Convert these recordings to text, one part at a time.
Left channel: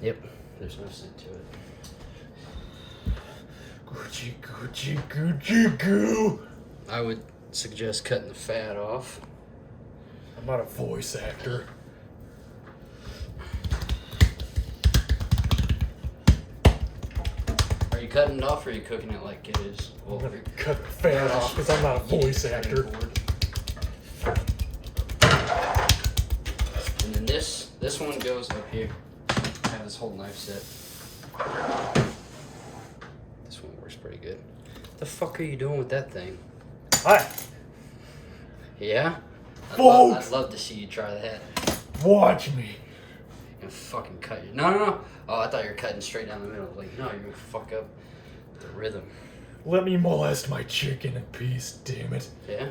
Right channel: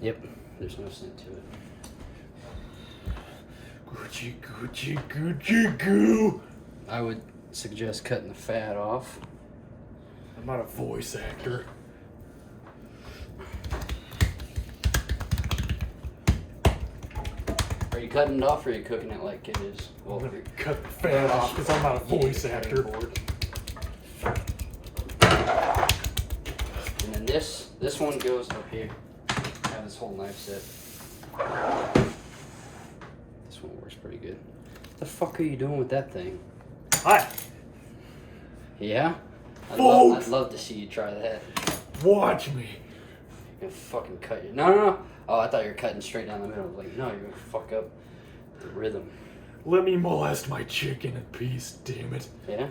Yep, there's no scent to it. Gucci, Gucci, Gucci, goo. I would suggest cutting the fat off. I'm not a voice actor. Are you cutting it off or are you cooking it like it is? I'm gonna cut the fat off because I'm not a voice actor. And then this one goes up here. I have this whole knife set. This one works pretty good. What the fuck are you doing with that thing? Hi. Yeah? I'd love to see you try that. Watch me. You're gonna fucking cut your... No. Oh, I thought you were cutting straight down the middle. Like, no, you're gonna fuck up the rhythm. Let me molest my chicken in peace, damn it. Yeah?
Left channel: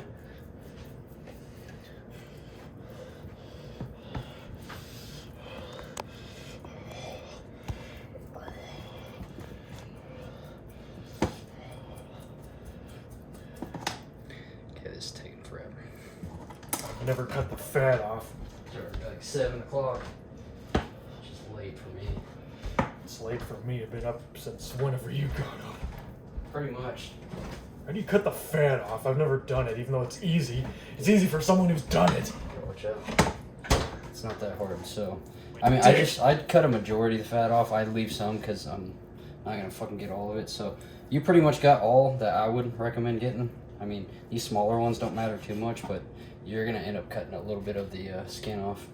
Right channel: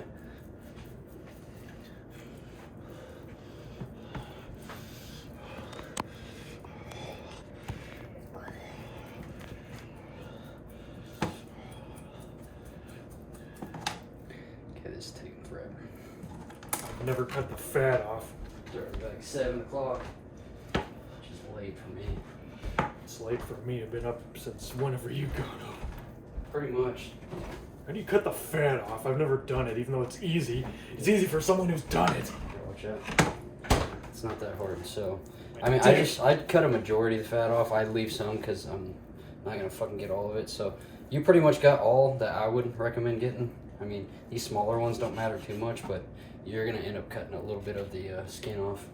Okay, this is taking forever. I've never cut the fat off. It's already like 7 o'clock. Which is late for me. It's late for me. I've been up since whenever you got up. Pretty much. How do you cut the fat off? I've never done it, even though it's easy. It's easy for someone who's done it. Watch out. It's not that hard. So, I mean, I'd cut a majority of the fat off. I'd leave some because I'm not gonna fucking get all of it. So, you pretty much got all that I would recommend getting. I mean, these smaller ones don't matter too much, but you're gonna end up cutting a little bit of the skin off.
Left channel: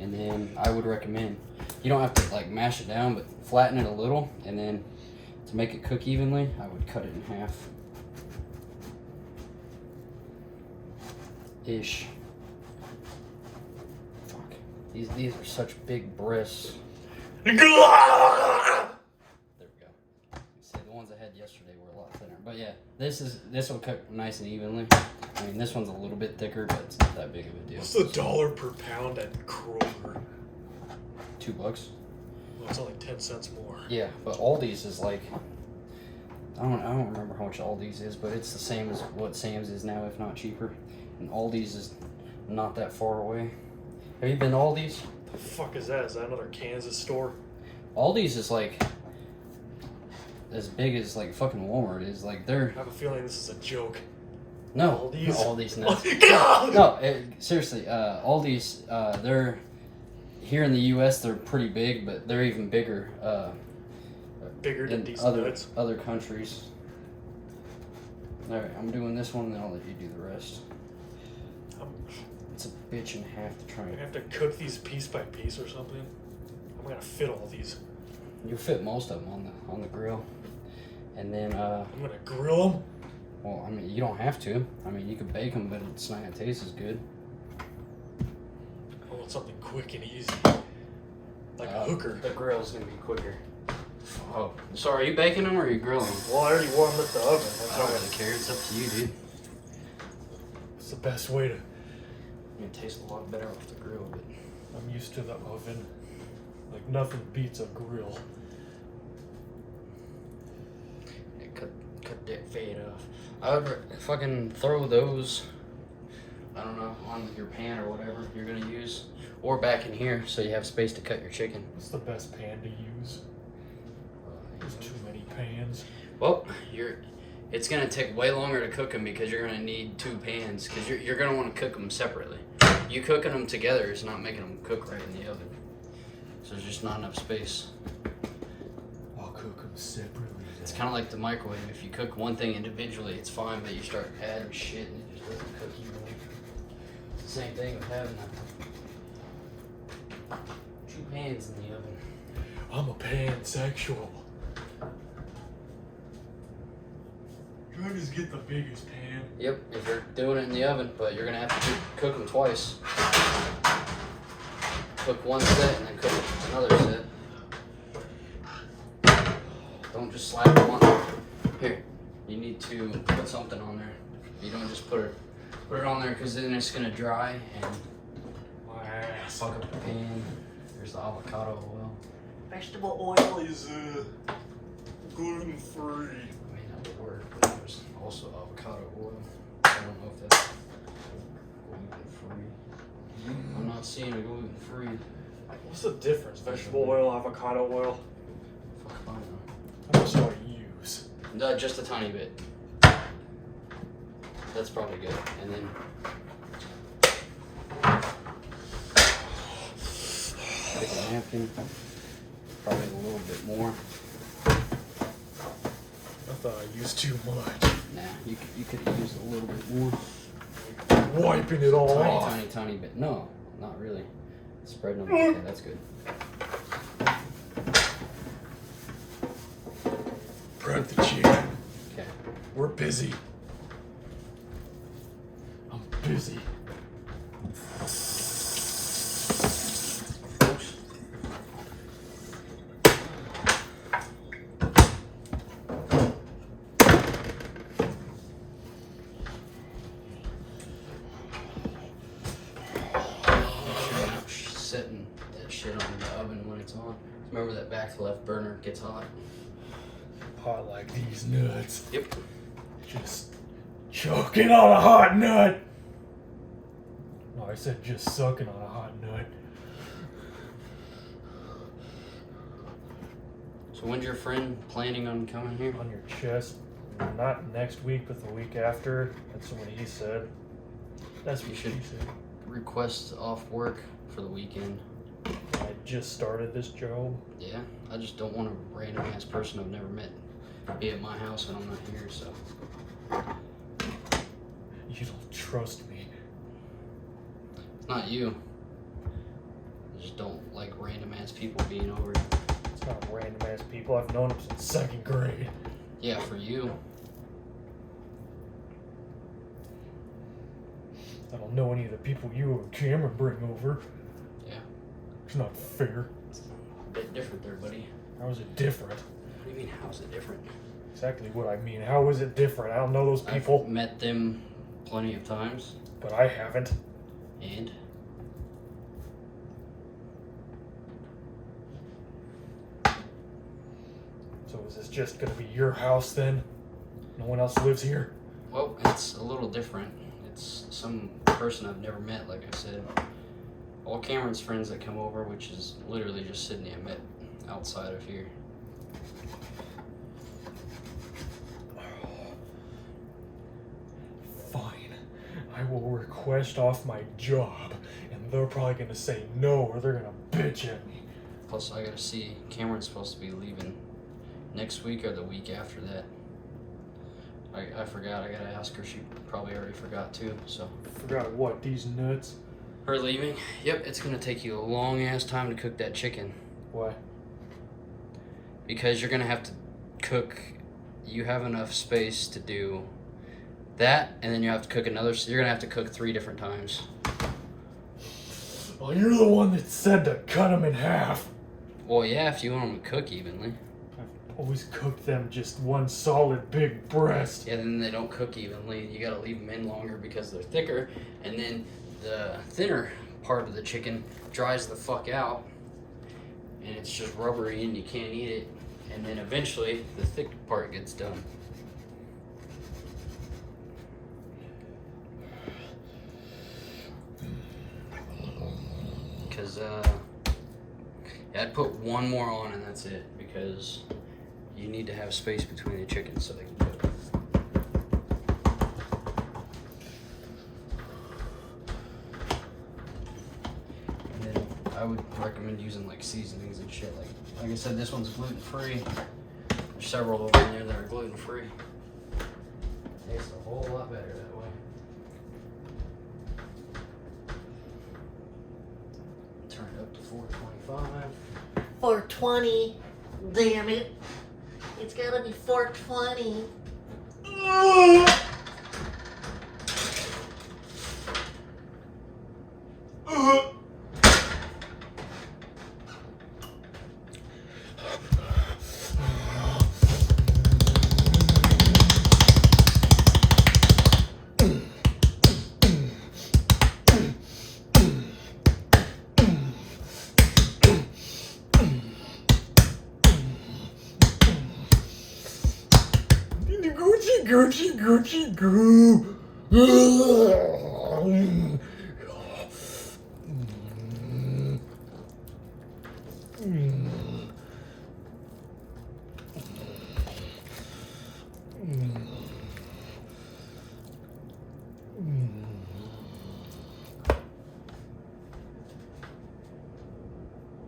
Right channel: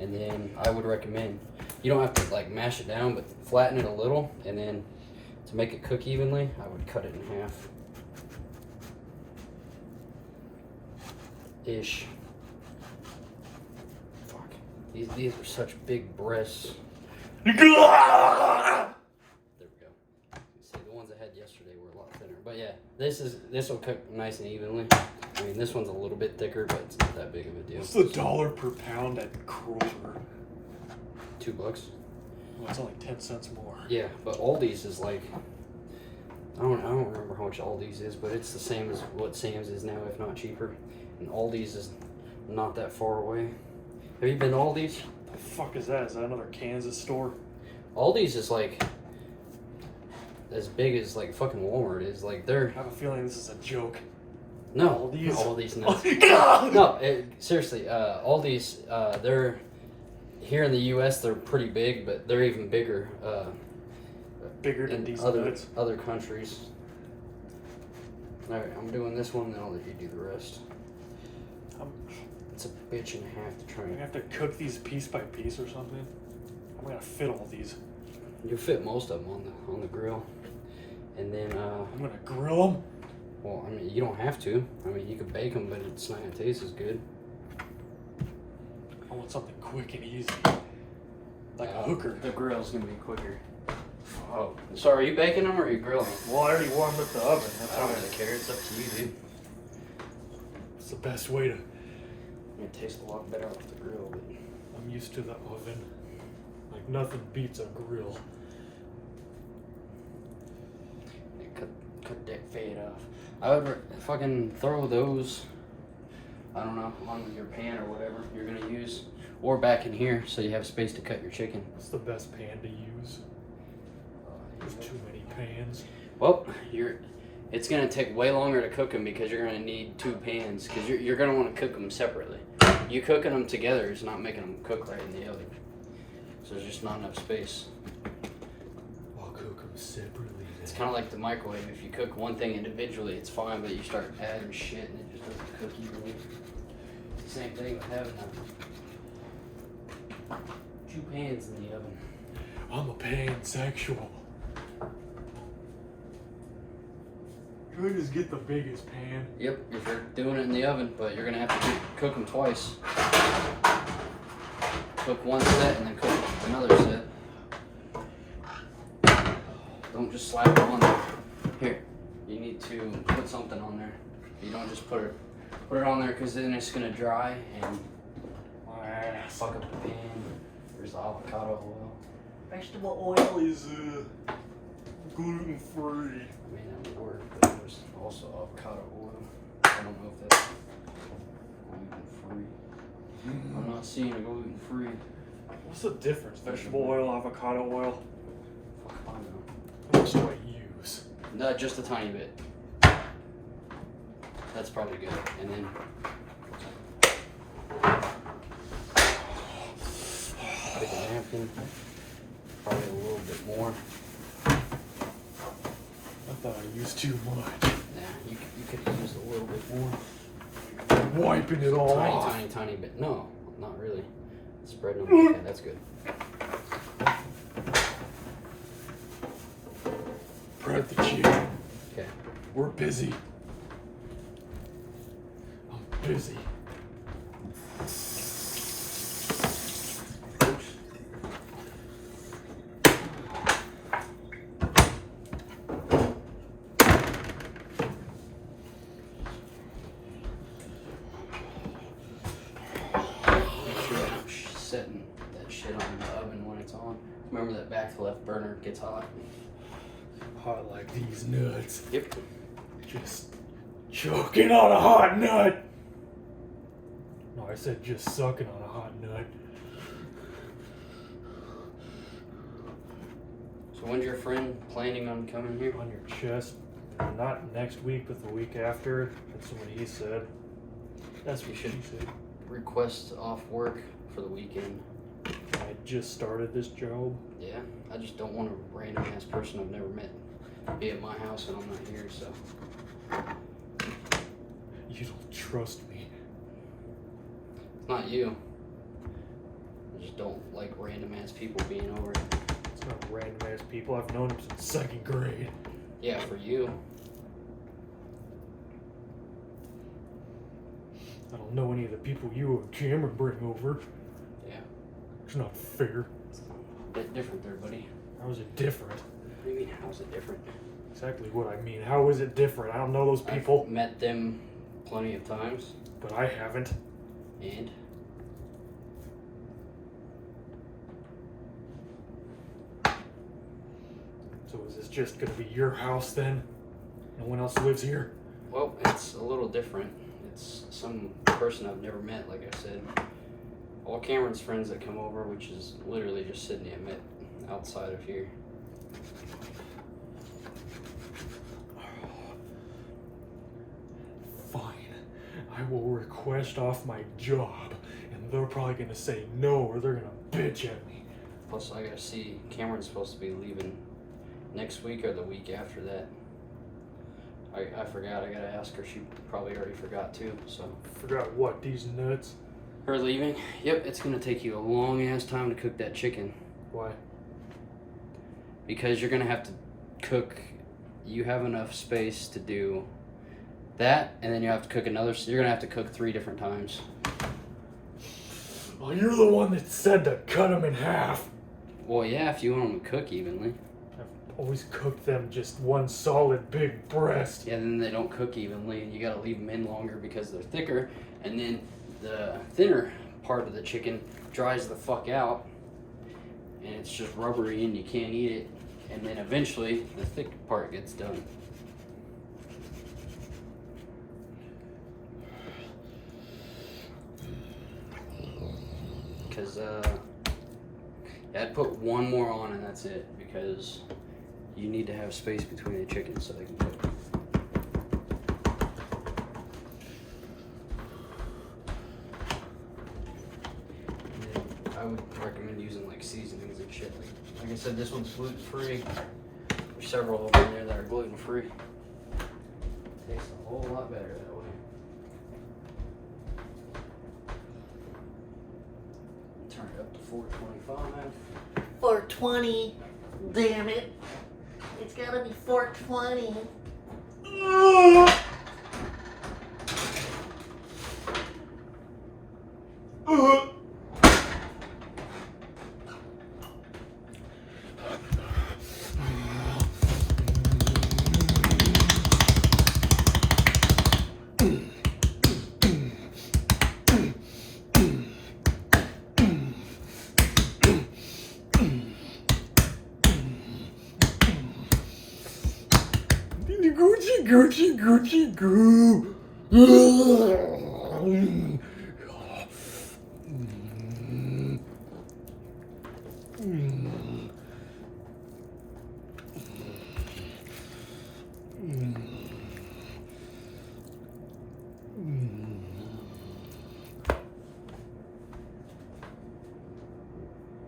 And then I would recommend, you don't have to like mash it down, but flatten it a little, and then to make it cook evenly, I would cut it in half. Ish. Fuck. These are such big breasts. There we go. See, the ones I had yesterday were a lot thinner. But yeah, this will cook nice and evenly. I mean, this one's a little bit thicker, but it's not that big of a deal. What's the dollar per pound at Kroger? $2. Well, it's only 10 cents more. Yeah, but Aldi's is like, I don't remember how much Aldi's is, but it's the same as what Sam's is now, if not cheaper. And Aldi's is not that far away. Have you been to Aldi's? The fuck is that? Is that another Kansas store? Aldi's is like as big as like fucking Walmart is. Like they're. I have a feeling this is a joke. No, Aldi's? Aldi's no. God! No, seriously, Aldi's. They're here in the U.S. They're pretty big, but they're even bigger. Bigger than In decent goods. other countries. All right, I'm doing this one, then I'll let you do the rest. It's a bitch and a half to try I and. have to cook these piece by piece or something. I'm gonna fit all these. You fit most of them on the grill, and then I'm gonna grill them. well, I mean, you don't have to. I mean, you could bake them, but it's not gonna taste as good. I want something quick and easy, like a hooker. The grill's gonna be quicker. Oh, so are you baking them or are you grilling them? Well, I already warmed up the oven. I don't really care. It's up to you, dude. It's the best way to. It tastes a lot better off the grill, but I'm used to the oven. Like nothing beats a grill. cut that fade off. I would fucking throw those, I don't know, on your pan or whatever you're gonna use, or back in here so you have space to cut your chicken. What's the best pan to use? There's too many pans. Well, it's gonna take way longer to cook them because you're gonna need 2 pans because you're gonna want to cook them separately. You cooking them together is not making them cook right in the oven, so there's just not enough space. I'll cook them separately. It's kind of like the microwave. If you cook one thing individually, it's fine, but you start adding shit and it just doesn't cook evenly. It's the same thing with having 2 pans in the oven. I'm a pansexual. You just get the biggest pan. Yep, if you're doing it in the oven, but you're gonna have to cook them twice. Cook one set and then cook another set. Don't just slap it on there. Here, you need to put something on there. You don't just put it on there because then it's gonna dry and fuck up the pan. There's the avocado oil. Vegetable oil is gluten free. I mean, that would work, but there's also avocado oil. I don't know if that's gluten free. I'm not seeing a gluten free. What's the difference? Vegetable oil, avocado oil? Fuck, I don't know. How much do I use? No, just a tiny bit. That's probably good. And then pick a napkin. Probably a little bit more. I thought I used too much. Nah, you could have used a little bit more. Wiping it all Tiny, off. tiny bit. No, not really. Spreading them. Okay, that's good. Prep the chicken. Okay. We're busy. I'm busy. Oops. Setting that shit on the oven when it's on. Remember that back left burner gets hot. Hot like these nuts. Yep. Just choking on a hot nut. No, I said just sucking on a hot nut. So when's your friend planning on coming here? On your chest. Not next week, but the week after. That's what he said. That's what she said. Request off work for the weekend. I just started this job. Yeah, I just don't want a random ass person I've never met be at my house and I'm not here, so. You don't trust me. It's not you. I just don't like random ass people being over. It's not random ass people. I've known them since 2nd grade. Yeah, for you. I don't know any of the people you and Cameron bring over. Yeah. It's not fair. It's a bit different there, buddy. How is it different? What do you mean, how's it different? Exactly what I mean. How is it different? I don't know those people, I've met them plenty of times, but I haven't. and So is this just gonna be your house then? No one else lives here? well, it's a little different. It's some person I've never met, like I said. All Cameron's friends that come over, which is literally just Sydney, I met outside of here. Fine. I will request off my job, and they're probably gonna say no, or they're gonna bitch at me. Plus, I gotta see, Cameron's supposed to be leaving next week or the week after that. I forgot, I gotta ask her, she probably already forgot too, so. Forgot what, these nuts? Her leaving? Yep, it's gonna take you a long ass time to cook that chicken. Why? Because you're gonna have to cook, you have enough space to do that, and then you have to cook another, so you're gonna have to cook 3 different times. Well, you're the one that said to cut them in half. Well, yeah, if you want them to cook evenly. I've always cooked them just one solid big breast. Yeah, then they don't cook evenly, and you gotta leave them in longer because they're thicker, and then the thinner part of the chicken dries the fuck out, and it's just rubbery and you can't eat it, and then eventually the thick part gets done. Because, yeah, I'd put one more on and that's it, because you need to have space between the chickens so they can cook. And then I would recommend using like seasonings and shit. Like I said, this one's gluten free. There's several over there that are gluten free. Tastes a whole lot better that way. Turn it up to 425. 420. Damn it. It's gotta be 420. Gucci, Gucci, Gucci, goo.